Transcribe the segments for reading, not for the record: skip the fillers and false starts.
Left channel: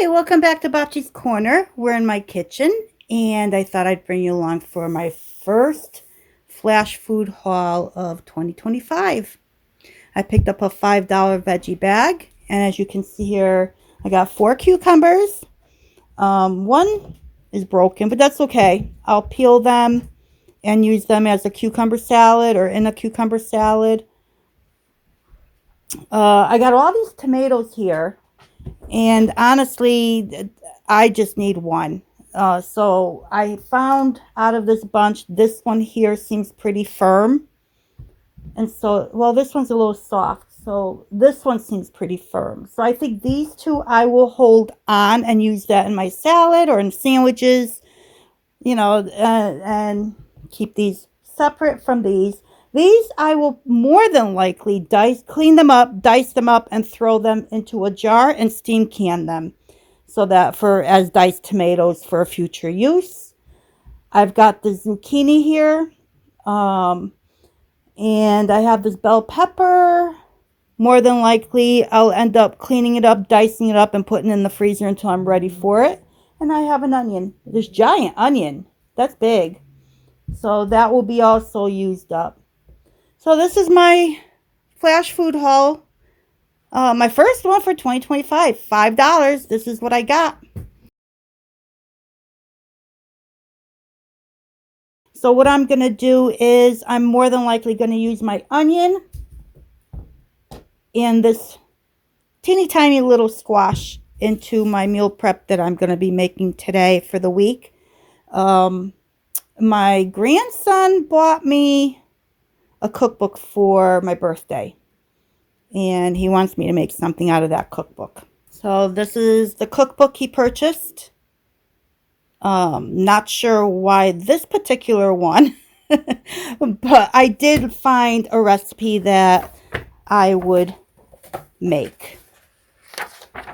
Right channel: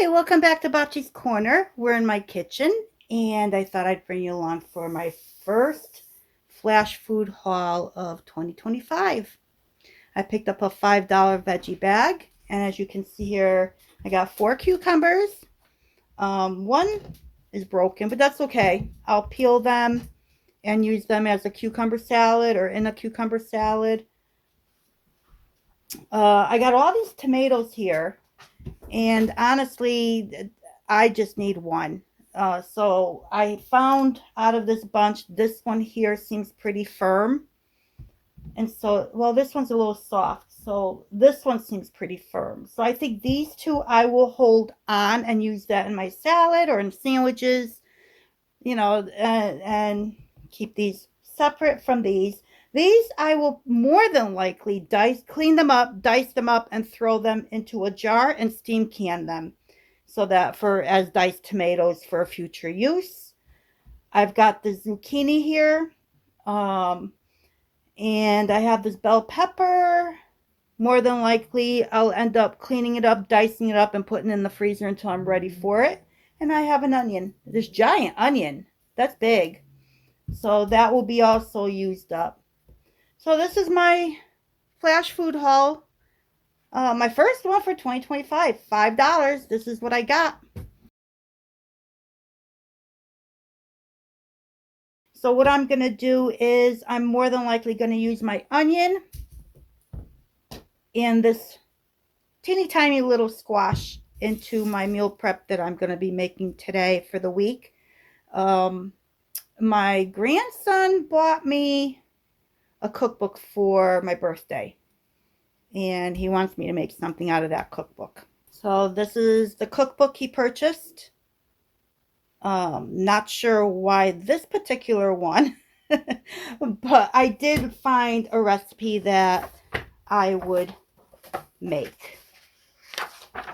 Hi, welcome back to Bocce's Corner. We're in my kitchen, and I thought I'd bring you along for my first flash food haul of 2025. I picked up a $5 veggie bag, and as you can see here, I got 4 cucumbers. One is broken, but that's okay. I'll peel them and use them as a cucumber salad or in a cucumber salad. I got all these tomatoes here. And honestly, I just need one. So I found out of this bunch, this one here seems pretty firm. And so, well, this one's a little soft. So this one seems pretty firm. So I think these two I will hold on and use that in my salad or in sandwiches, you know, and keep these separate from these. These I will more than likely clean them up, dice them up, and throw them into a jar and steam can them so that as diced tomatoes for future use. I've got the zucchini here, and I have this bell pepper. More than likely, I'll end up cleaning it up, dicing it up, and putting it in the freezer until I'm ready for it. And I have an onion, this giant onion. That's big. So that will be also used up. So this is my flash food haul. My first one for 2025, $5. This is what I got. So what I'm going to do is I'm more than likely going to use my onion and this teeny tiny little squash into my meal prep that I'm going to be making today for the week. My grandson bought me a cookbook for my birthday, and he wants me to make something out of that cookbook. So this is the cookbook he purchased. Not sure why this particular one, but I did find a recipe that I would make.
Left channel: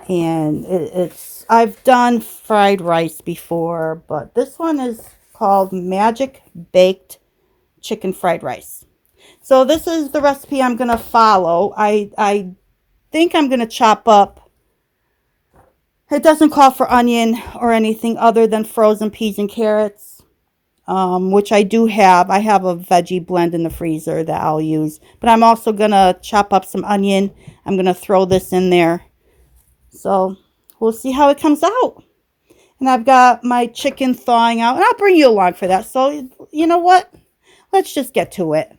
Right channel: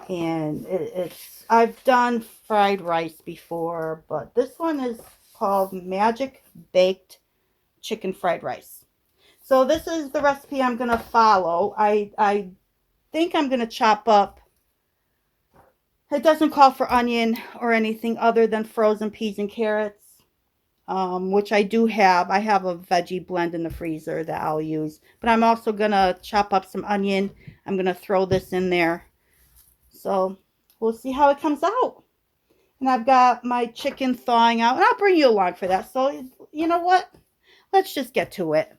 And I've done fried rice before, but this one is called Magic Baked Chicken Fried Rice. So this is the recipe I'm going to follow. I think I'm going to chop up. It doesn't call for onion or anything other than frozen peas and carrots, which I do have. I have a veggie blend in the freezer that I'll use. But I'm also going to chop up some onion. I'm going to throw this in there. So we'll see how it comes out. And I've got my chicken thawing out. And I'll bring you along for that. So you know what? Let's just get to it.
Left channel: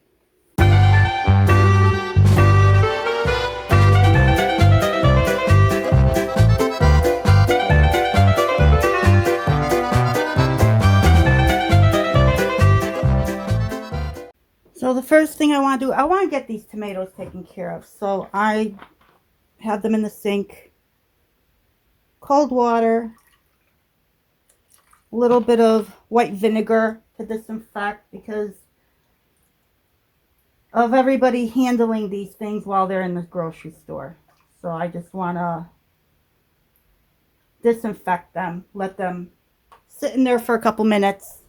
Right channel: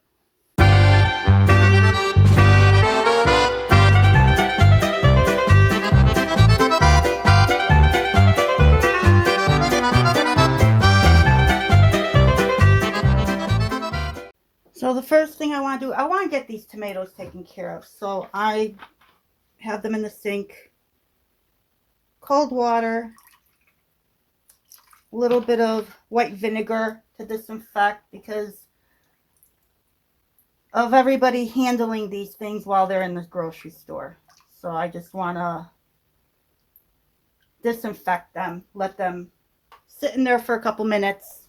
So the first thing I want to do, I want to get these tomatoes taken care of. So I have them in the sink, cold water, a little bit of white vinegar to disinfect because of everybody handling these things while they're in the grocery store. So I just want to disinfect them, let them sit in there for a couple minutes.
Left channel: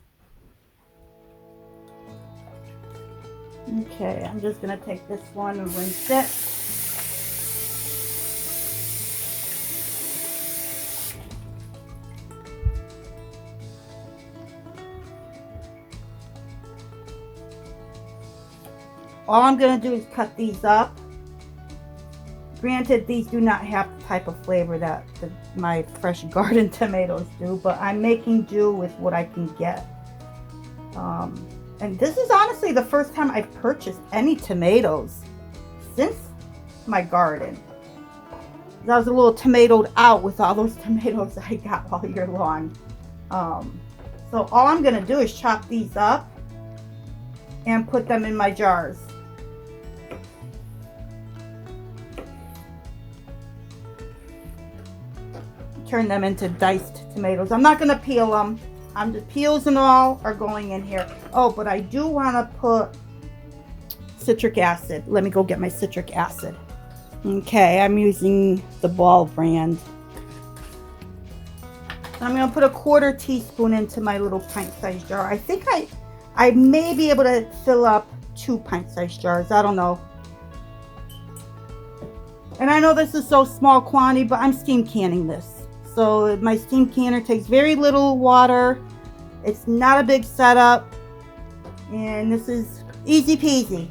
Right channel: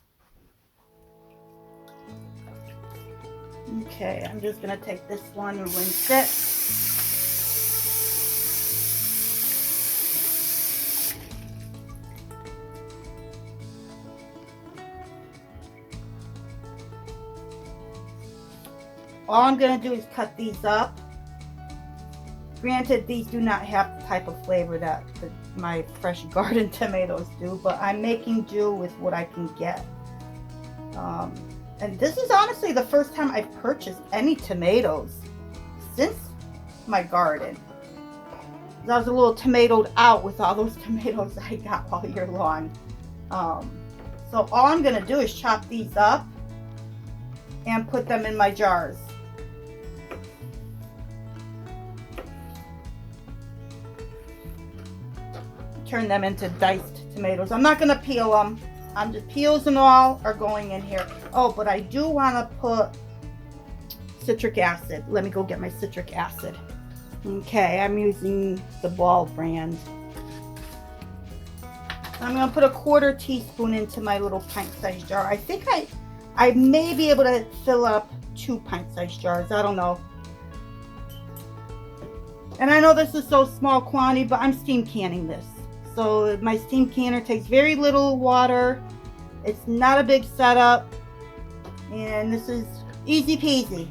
Okay, I'm just going to take this one and rinse it. All I'm going to do is cut these up. Granted, these do not have the type of flavor that my fresh garden tomatoes do, but I'm making do with what I can get. And this is honestly the first time I've purchased any tomatoes since my garden. I was a little tomatoed out with all those tomatoes I got all year long. So all I'm going to do is chop these up and put them in my jars. Turn them into diced tomatoes. I'm not going to peel them. Peels and all are going in here. Oh, but I do want to put citric acid. Let me go get my citric acid. Okay, I'm using the Ball brand. I'm going to put a 1/4 teaspoon into my little pint-sized jar. I think I may be able to fill up 2 pint-sized jars. I don't know. And I know this is so small quantity, but I'm steam canning this. So my steam canner takes very little water. It's not a big setup. And this is easy peasy.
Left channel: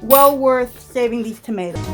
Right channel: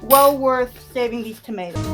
Well worth saving these tomatoes.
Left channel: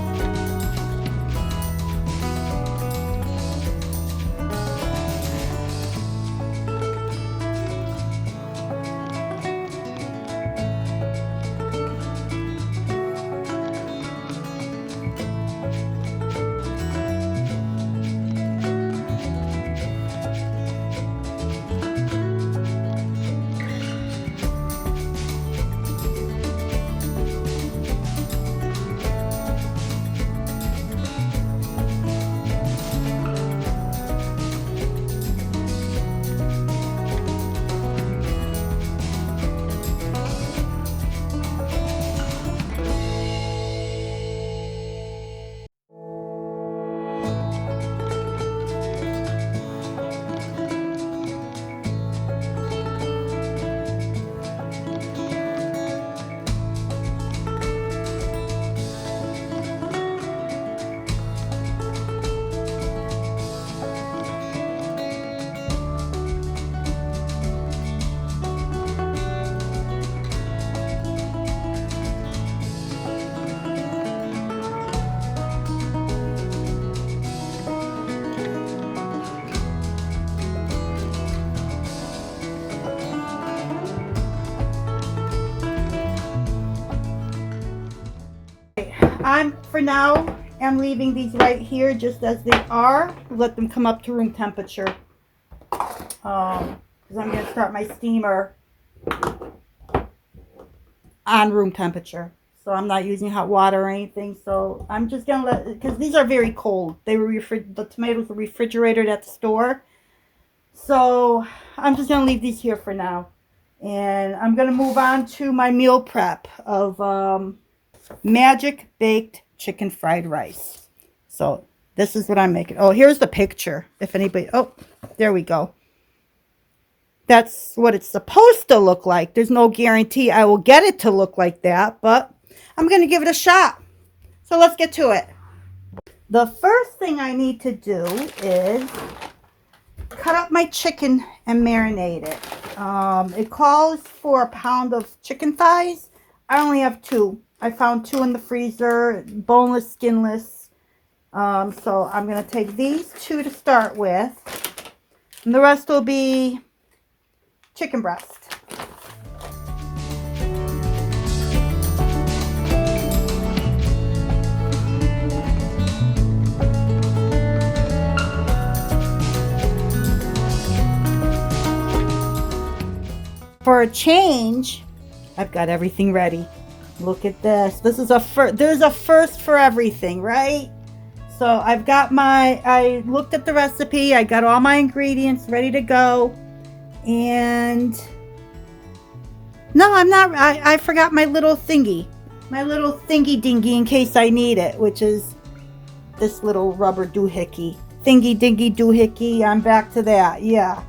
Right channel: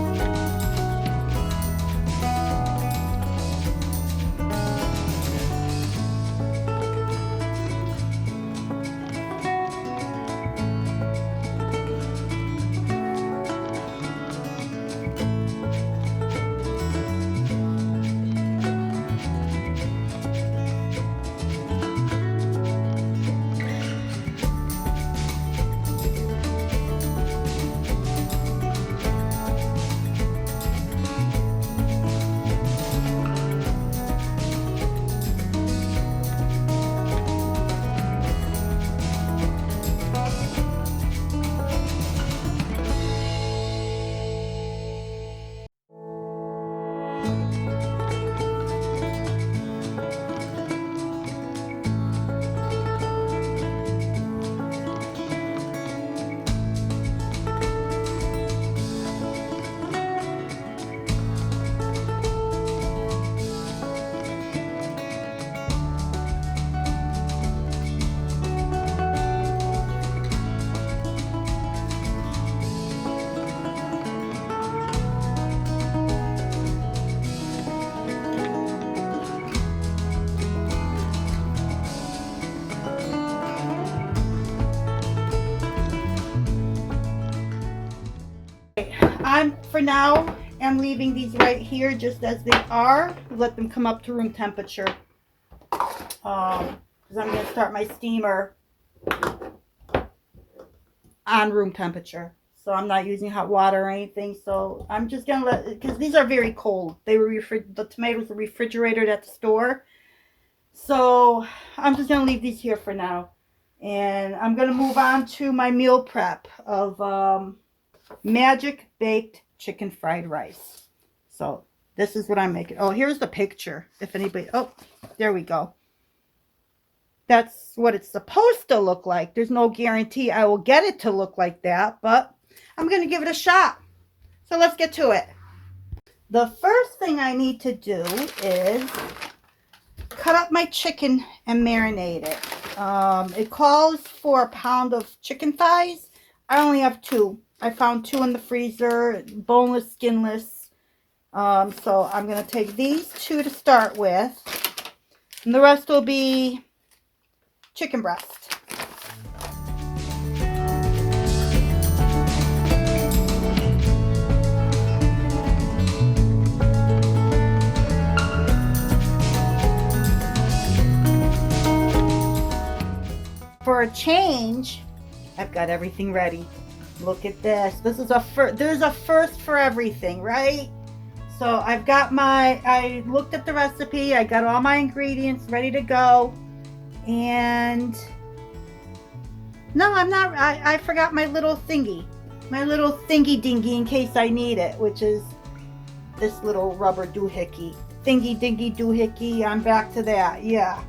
For now, I'm leaving these right here just as they are. Let them come up to room temperature. Because I'm going to start my steamer on room temperature. So I'm not using hot water or anything. So I'm just going to let, because these are very cold. They were the tomatoes were refrigerated at the store. So I'm just going to leave these here for now. And I'm going to move on to my meal prep of Magic Baked Chicken Fried Rice. So this is what I'm making. Oh, here's the picture. If anybody, oh, there we go. That's what it's supposed to look like. There's no guarantee I will get it to look like that, but I'm going to give it a shot. So let's get to it. The first thing I need to do is cut up my chicken and marinate it. It calls for a pound of chicken thighs. I only have 2. I found 2 in the freezer, boneless, skinless. So I'm going to take these 2 to start with. And the rest will be chicken breast. For a change, I've got everything ready. Look at this. This is a first. There's a first for everything, right? So I've got I looked at the recipe. I got all my ingredients ready to go. And no, I'm not. I forgot my little thingy. My little thingy dingy in case I need it, which is this little rubber doohickey. Thingy dingy doohickey. I'm back to that. Yeah.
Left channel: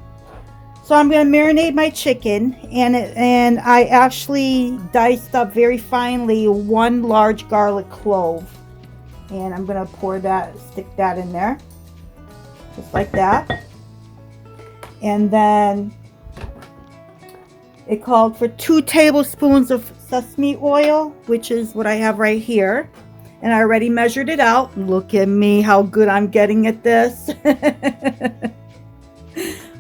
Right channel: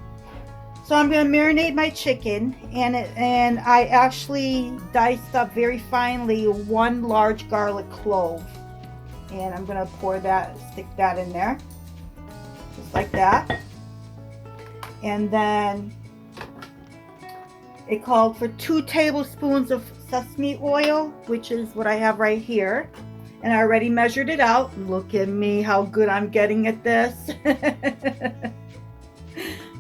So I'm going to marinate my chicken, and I actually diced up very finely 1 large garlic clove. And I'm going to stick that in there, just like that. And then it called for 2 tablespoons of sesame oil, which is what I have right here. And I already measured it out. Look at me, how good I'm getting at this.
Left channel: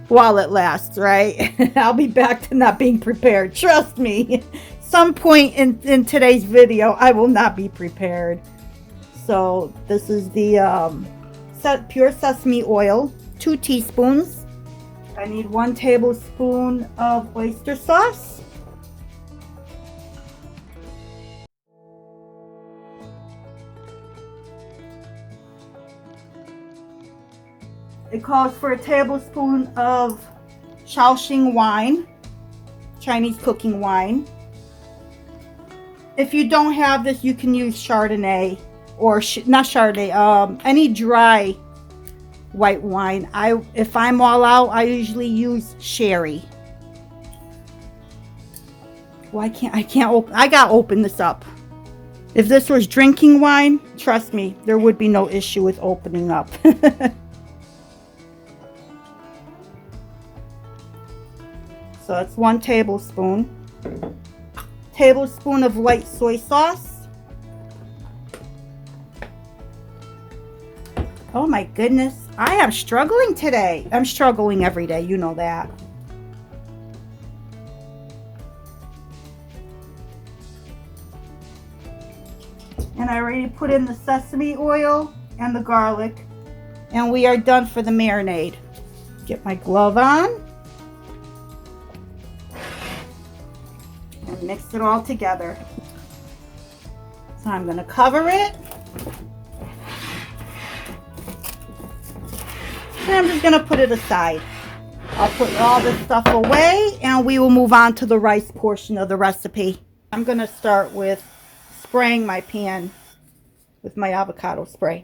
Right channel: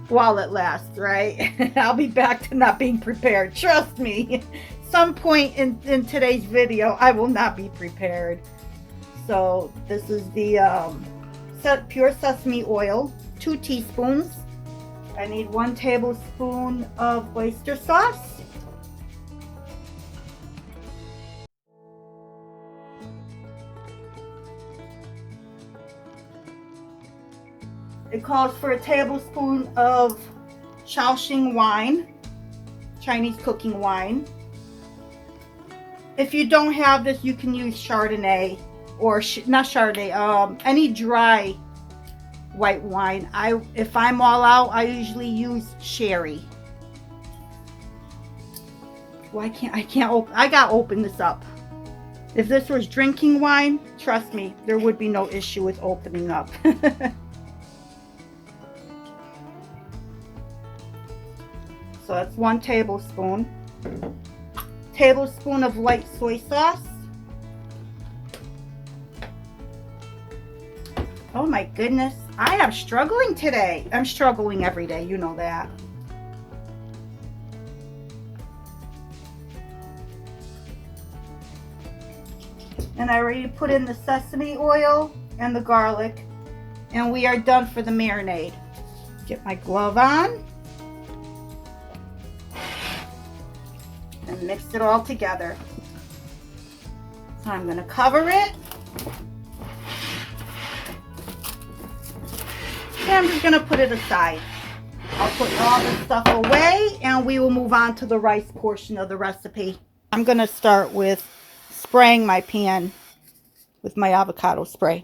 While it lasts, right? I'll be back to not being prepared. Trust me. Some point in today's video, I will not be prepared. So this is the pure sesame oil, 2 teaspoons. I need 1 tablespoon of oyster sauce. It calls for a tablespoon of Shaoxing wine, Chinese cooking wine. If you don't have this, you can use Chardonnay or not Chardonnay, any dry white wine. If I'm all out, I usually use sherry. Well, I can't open. I gotta open this up. If this was drinking wine, trust me, there would be no issue with opening up. So that's 1 tablespoon. Tablespoon of light soy sauce. Oh my goodness, I am struggling today. I'm struggling every day, you know that. And I already put in the sesame oil and the garlic, and we are done for the marinade. Get my glove on and mix it all together. So I'm going to cover it. And I'm just going to put it aside. I'll put all this stuff away and we will move on to the rice portion of the recipe. I'm going to start with spraying my pan with my avocado spray.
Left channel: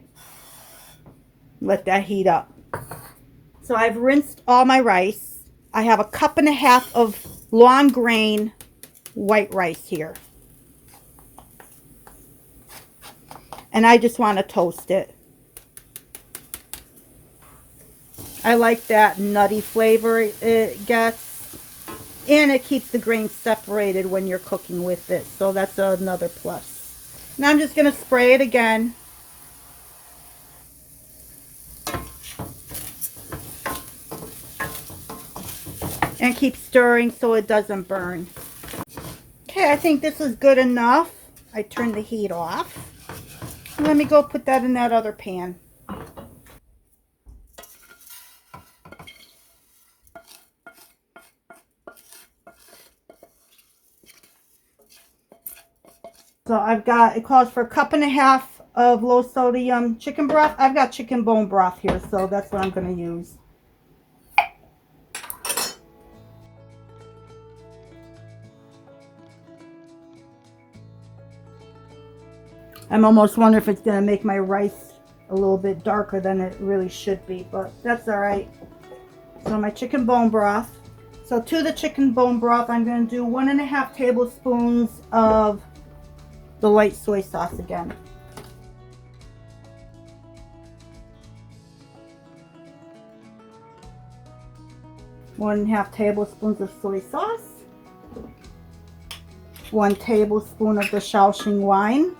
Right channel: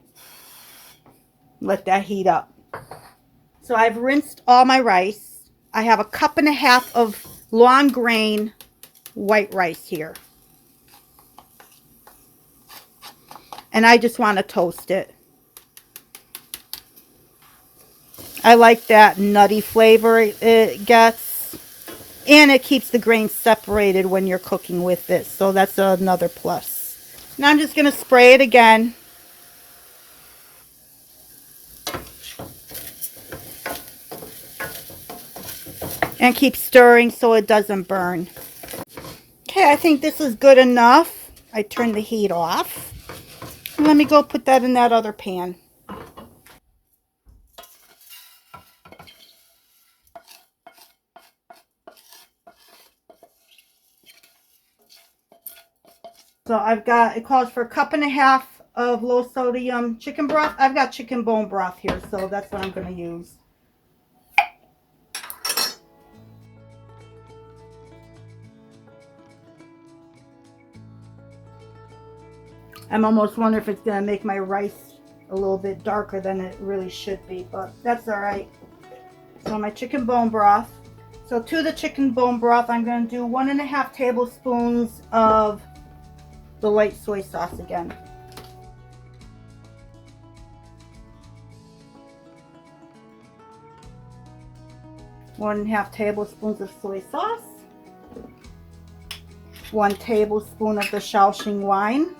Let that heat up. So I've rinsed all my rice. I have 1.5 cups of long grain white rice here. And I just want to toast it. I like that nutty flavor it gets. And it keeps the grains separated when you're cooking with this. So that's another plus. Now I'm just going to spray it again. And keep stirring so it doesn't burn. Okay, I think this is good enough. I turned the heat off. Let me go put that in that other pan. So I've got, it calls for 1.5 cups of low sodium chicken broth. I've got chicken bone broth here, so that's what I'm going to use. I'm almost wondering if it's going to make my rice a little bit darker than it really should be, but that's all right. So my chicken bone broth. So to the chicken bone broth, I'm going to do 1.5 tablespoons of the light soy sauce again. 1.5 tablespoons of soy sauce. 1 tablespoon of the Shaoxing wine.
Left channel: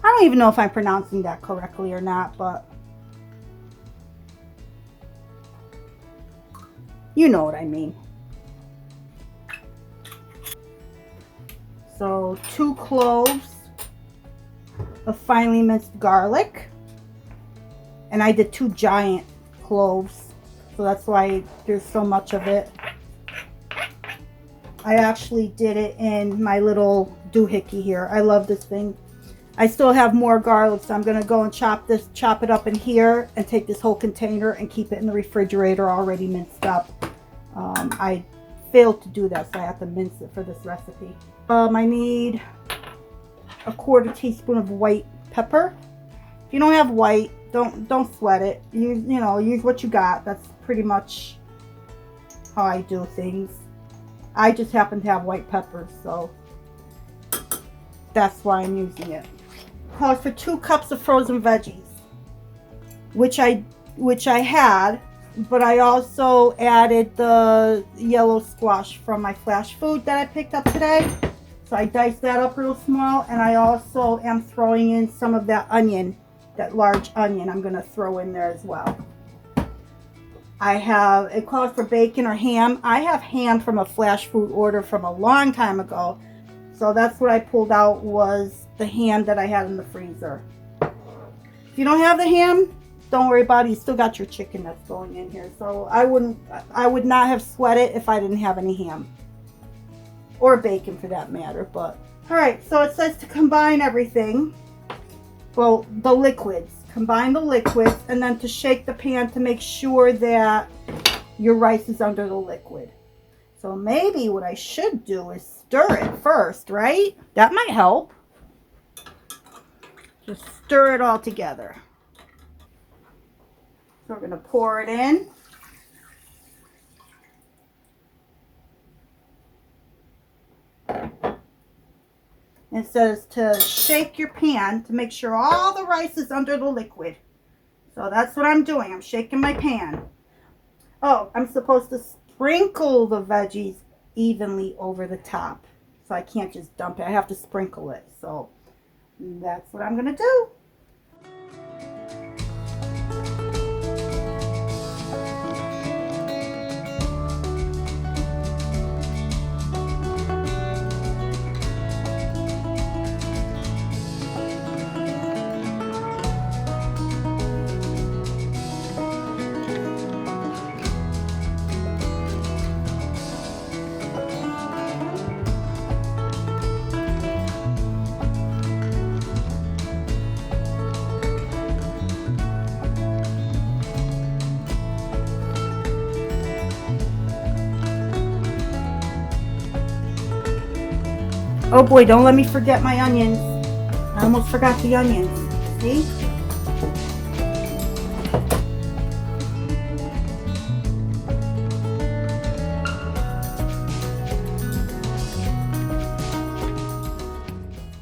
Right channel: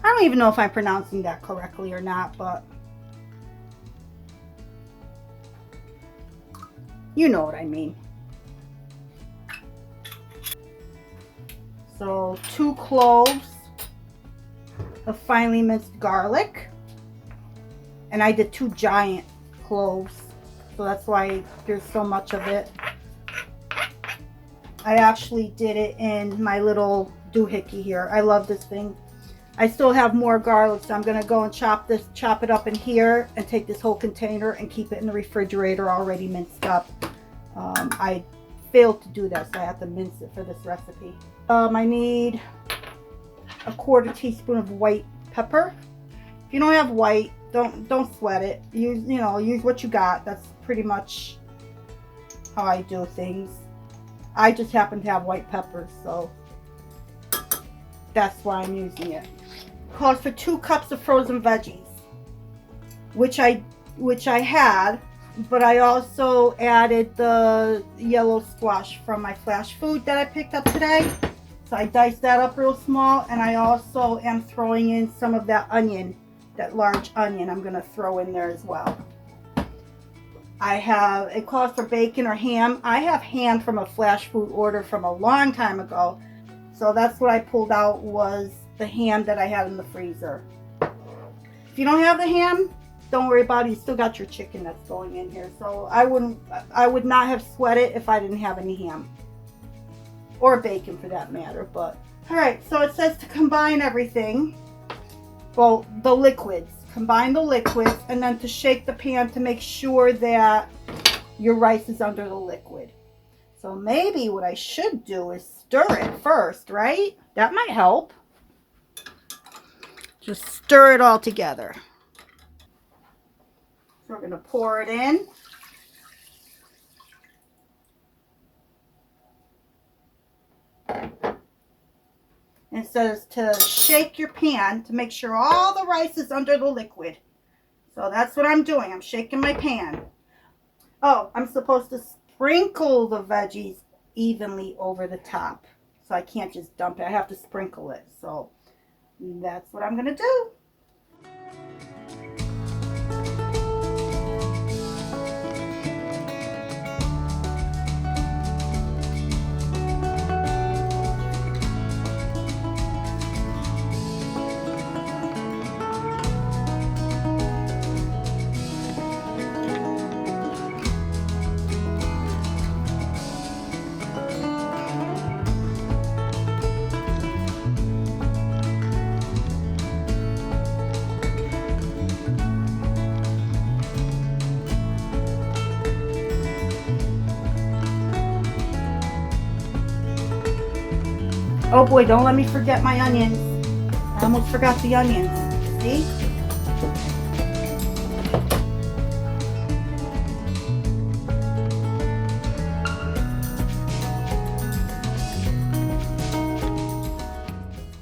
I don't even know if I'm pronouncing that correctly or not, but you know what I mean. So 2 cloves of finely minced garlic. And I did 2 giant cloves, so that's why there's so much of it. I actually did it in my little doohickey here. I love this thing. I still have more garlic, so I'm going to go and chop it up in here and take this whole container and keep it in the refrigerator already minced up. I failed to do that, so I have to mince it for this recipe. I need 1/4 teaspoon of white pepper. If you don't have white, don't sweat it. Use what you got. That's pretty much how I do things. I just happen to have white peppers, so that's why I'm using it. Calls for 2 cups of frozen veggies, which I had, but I also added the yellow squash from my Flashfood that I picked up today. So I diced that up real small, and I also am throwing in some of that onion, that large onion I'm going to throw in there as well. It calls for bacon or ham. I have ham from a Flashfood order from a long time ago. So that's what I pulled out, was the ham that I had in the freezer. If you don't have the ham, don't worry about it. You still got your chicken that's going in here. So I would not have sweat it if I didn't have any ham. Or bacon for that matter. But alright, so it says to combine everything. Well, the liquids. Combine the liquids, and then to shake the pan to make sure that your rice is under the liquid. So maybe what I should do is stir it first, right? That might help. Just stir it all together. So we're going to pour it in. It says to shake your pan to make sure all the rice is under the liquid. So that's what I'm doing. I'm shaking my pan. Oh, I'm supposed to sprinkle the veggies evenly over the top. So I can't just dump it. I have to sprinkle it. So that's what I'm going to do. Oh boy, don't let me forget my onions. I almost forgot the onions. See?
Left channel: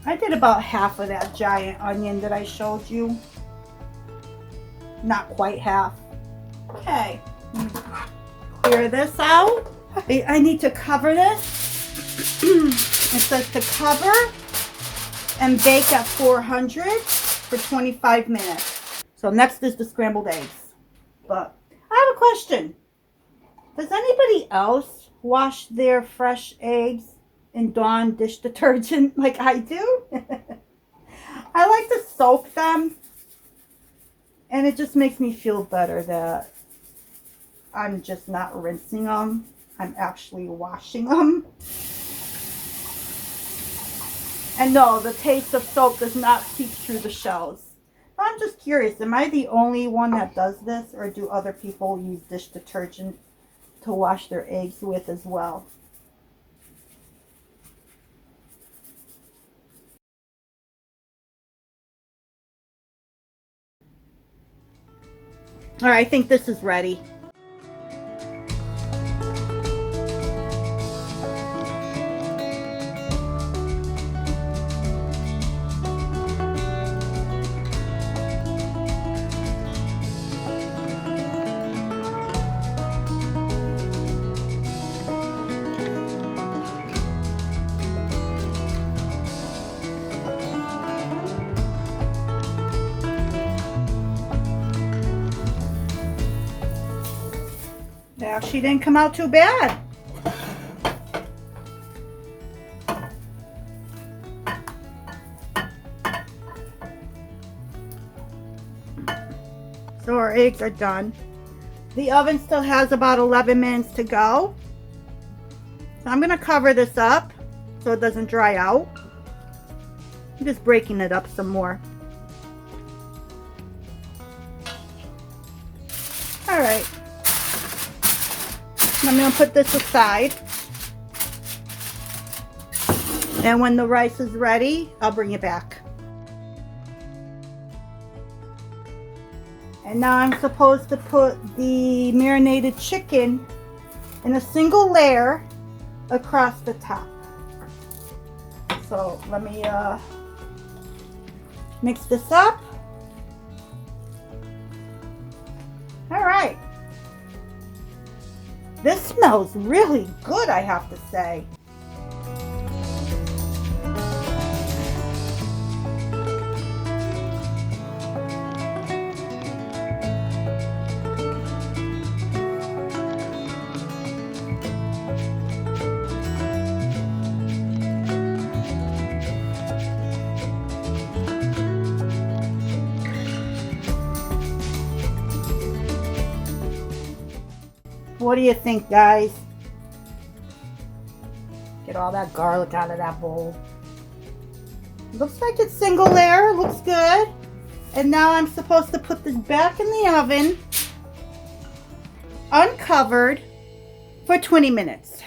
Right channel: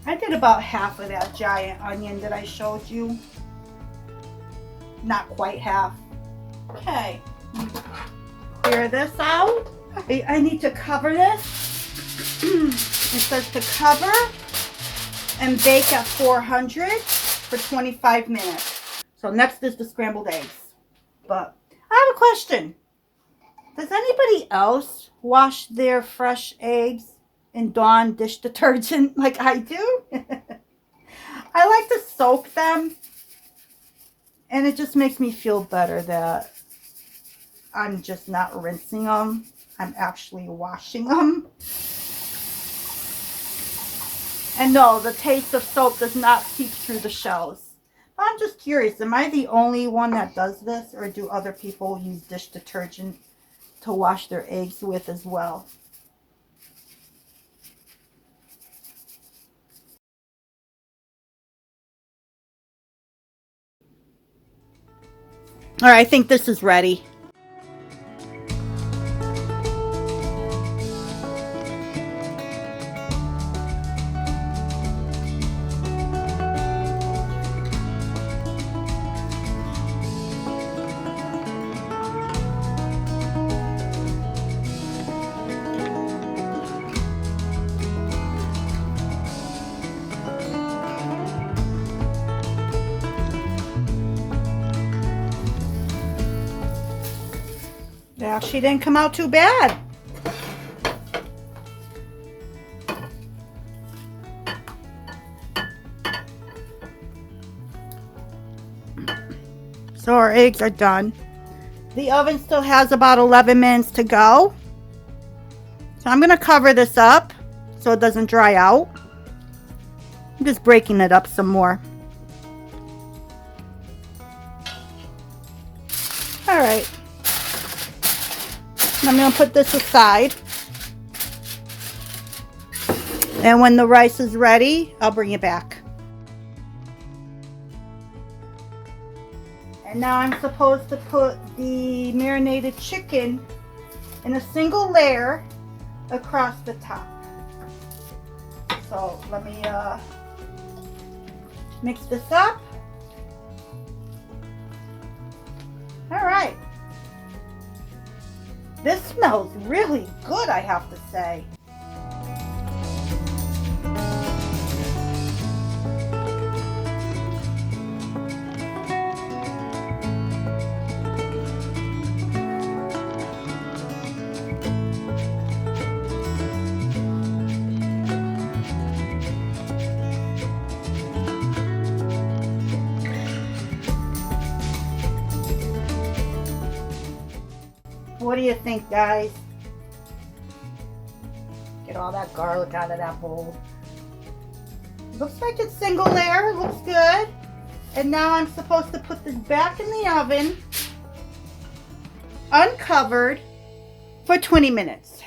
I did about half of that giant onion that I showed you. Not quite half. Okay. Clear this out. I need to cover this. It says to cover and bake at 400 for 25 minutes. So next is the scrambled eggs. But I have a question. Does anybody else wash their fresh eggs in Dawn dish detergent like I do? I like to soak them, and it just makes me feel better that I'm just not rinsing them. I'm actually washing them. And no, the taste of soap does not seep through the shells. I'm just curious, am I the only one that does this, or do other people use dish detergent to wash their eggs with as well? All right, I think this is ready. Yeah, she didn't come out too bad. So our eggs are done. The oven still has about 11 minutes to go. So I'm going to cover this up so it doesn't dry out. I'm just breaking it up some more. All right. I'm going to put this aside. And when the rice is ready, I'll bring it back. And now I'm supposed to put the marinated chicken in a single layer across the top. So let me mix this up. All right. This smells really good, I have to say. What do you think, guys? Get all that garlic out of that bowl. Looks like it's single layer. Looks good. And now I'm supposed to put this back in the oven, uncovered, for 20 minutes.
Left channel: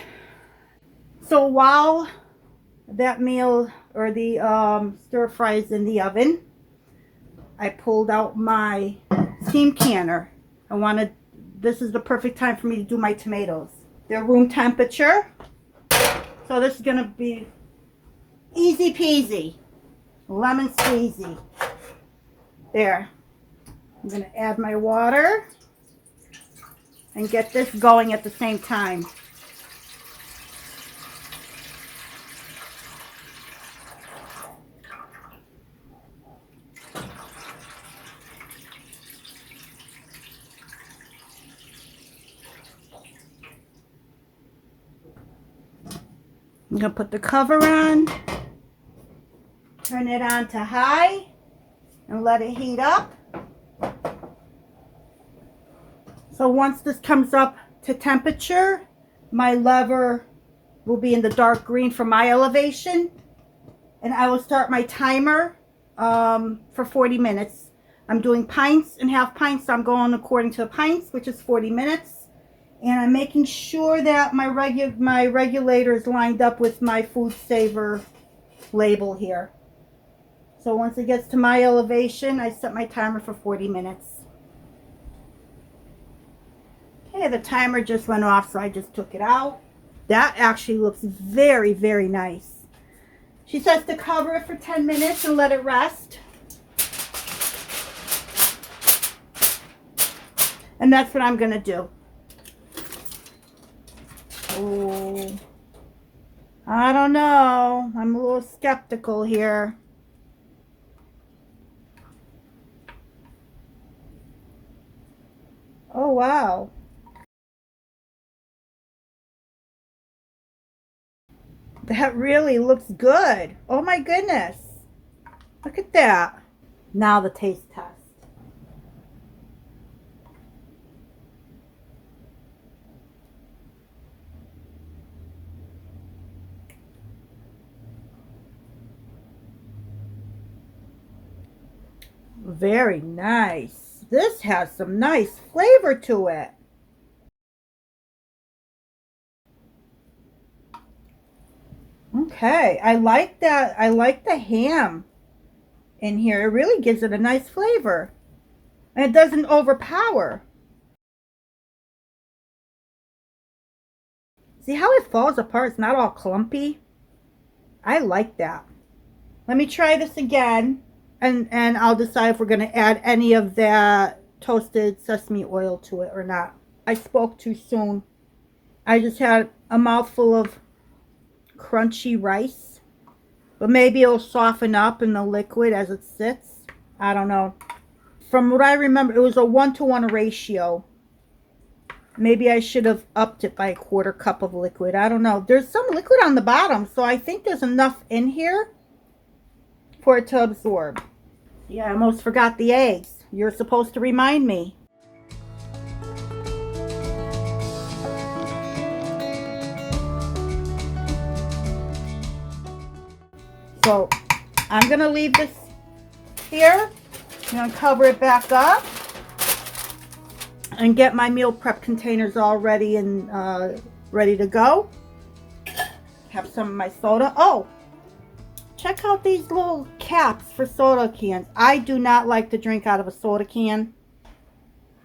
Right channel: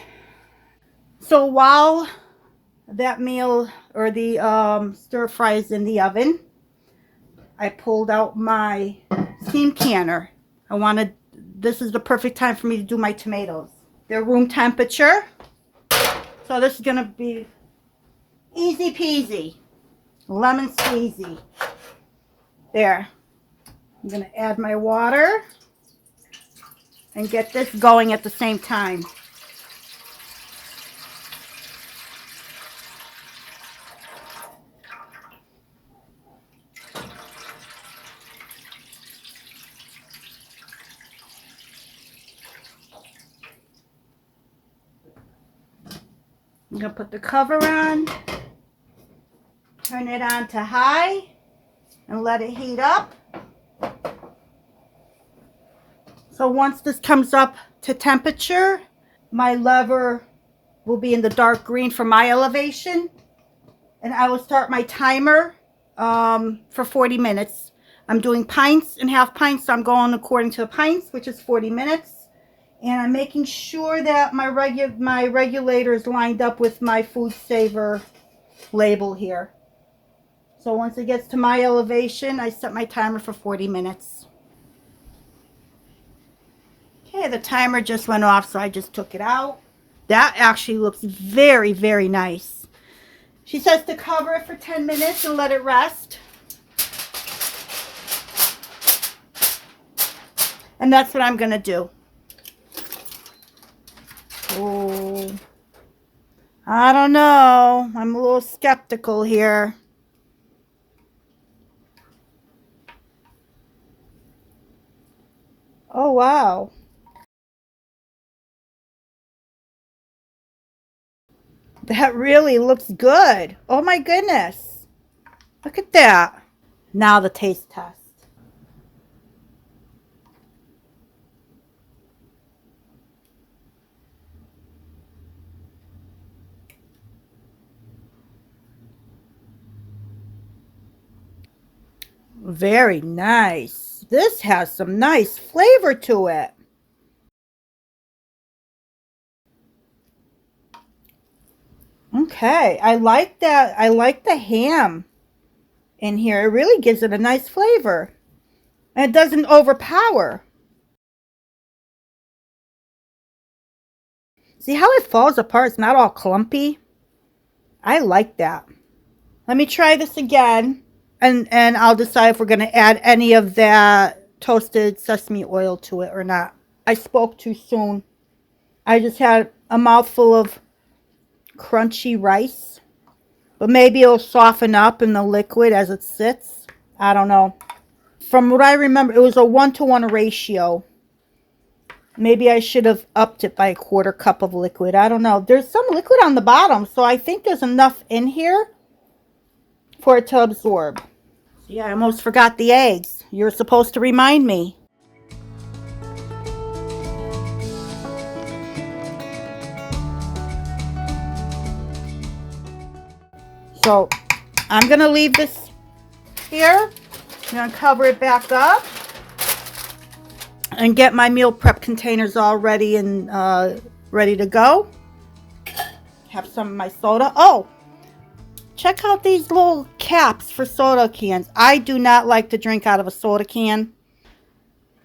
So while that meal or the stir fry is in the oven, I pulled out my steam canner. This is the perfect time for me to do my tomatoes. They're room temperature. So this is going to be easy peasy. Lemon squeezy. There. I'm going to add my water and get this going at the same time. I'm going to put the cover on, turn it on to high, and let it heat up. So once this comes up to temperature, my lever will be in the dark green for my elevation, and I will start my timer for 40 minutes. I'm doing pints and half pints, so I'm going according to the pints, which is 40 minutes. And I'm making sure that my regulator is lined up with my food saver label here. So once it gets to my elevation, I set my timer for 40 minutes. Okay, the timer just went off, so I just took it out. That actually looks very, very nice. She says to cover it for 10 minutes and let it rest. And that's what I'm going to do. Oh, I don't know. I'm a little skeptical here. Oh, wow. That really looks good. Oh my goodness. Look at that. Now the taste test. Very nice. This has some nice flavor to it. Okay, I like that. I like the ham in here. It really gives it a nice flavor. And it doesn't overpower. See how it falls apart? It's not all clumpy. I like that. Let me try this again. And I'll decide if we're going to add any of that toasted sesame oil to it or not. I spoke too soon. I just had a mouthful of crunchy rice. But maybe it'll soften up in the liquid as it sits. I don't know. From what I remember, it was a 1-to-1 ratio. Maybe I should have upped it by a 1/4 cup of liquid. I don't know. There's some liquid on the bottom, so I think there's enough in here for it to absorb. Yeah, I almost forgot the eggs. You're supposed to remind me. So I'm going to leave this here. I'm going to cover it back up and get my meal prep containers all ready and ready to go. Have some of my soda. Oh, check out these little caps for soda cans. I do not like to drink out of a soda can,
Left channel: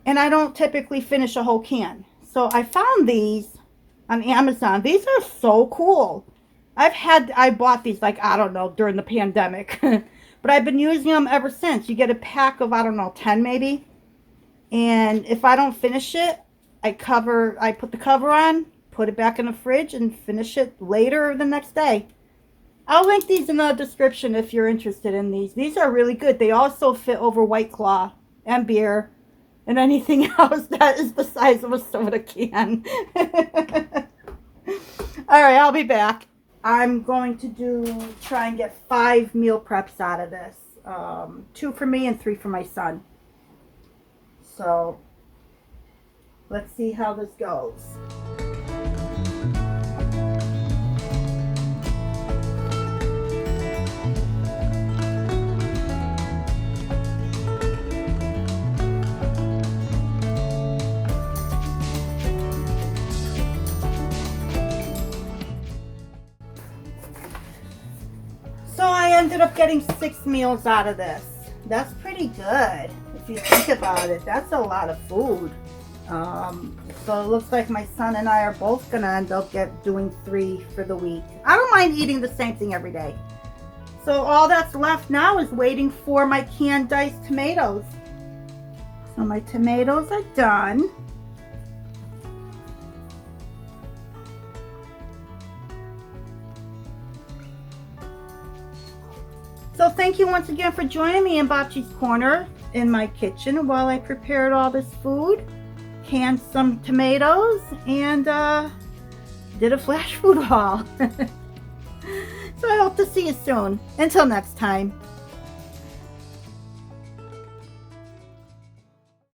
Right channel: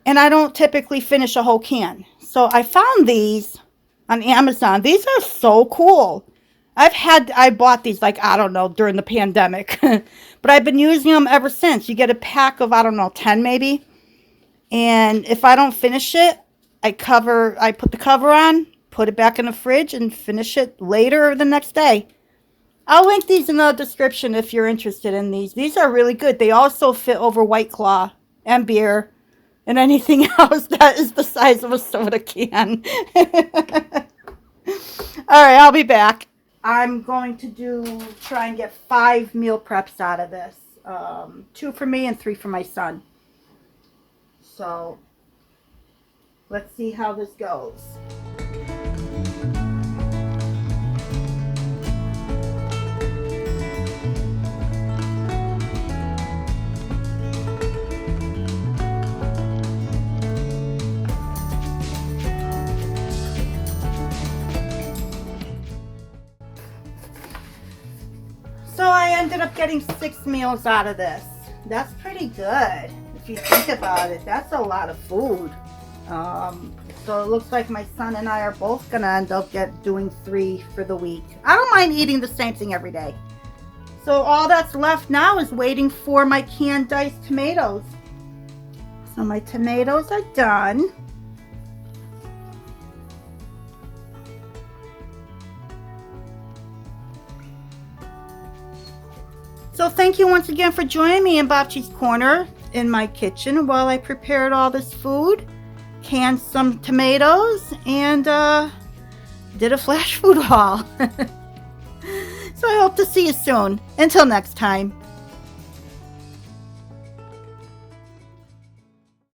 and I don't typically finish a whole can. So I found these on Amazon. These are so cool. I bought these, like, I don't know, during the pandemic, but I've been using them ever since. You get a pack of, I don't know, 10 maybe. And if I don't finish it, I put the cover on, put it back in the fridge, and finish it later or the next day. I'll link these in the description if you're interested in these. These are really good. They also fit over White Claw and beer and anything else that is the size of a soda can. All right, I'll be back. I'm going to try and get 5 meal preps out of this. 2 for me and 3 for my son. So let's see how this goes. So I ended up getting 6 meals out of this. That's pretty good. If you think about it, that's a lot of food. So it looks like my son and I are both gonna end up doing 3 for the week. I don't mind eating the same thing every day. So all that's left now is waiting for my canned diced tomatoes. So my tomatoes are done. So thank you once again for joining me in Bocce's Corner in my kitchen while I prepared all this food, canned some tomatoes, and did a flash food haul. So I hope to see you soon. Until next time.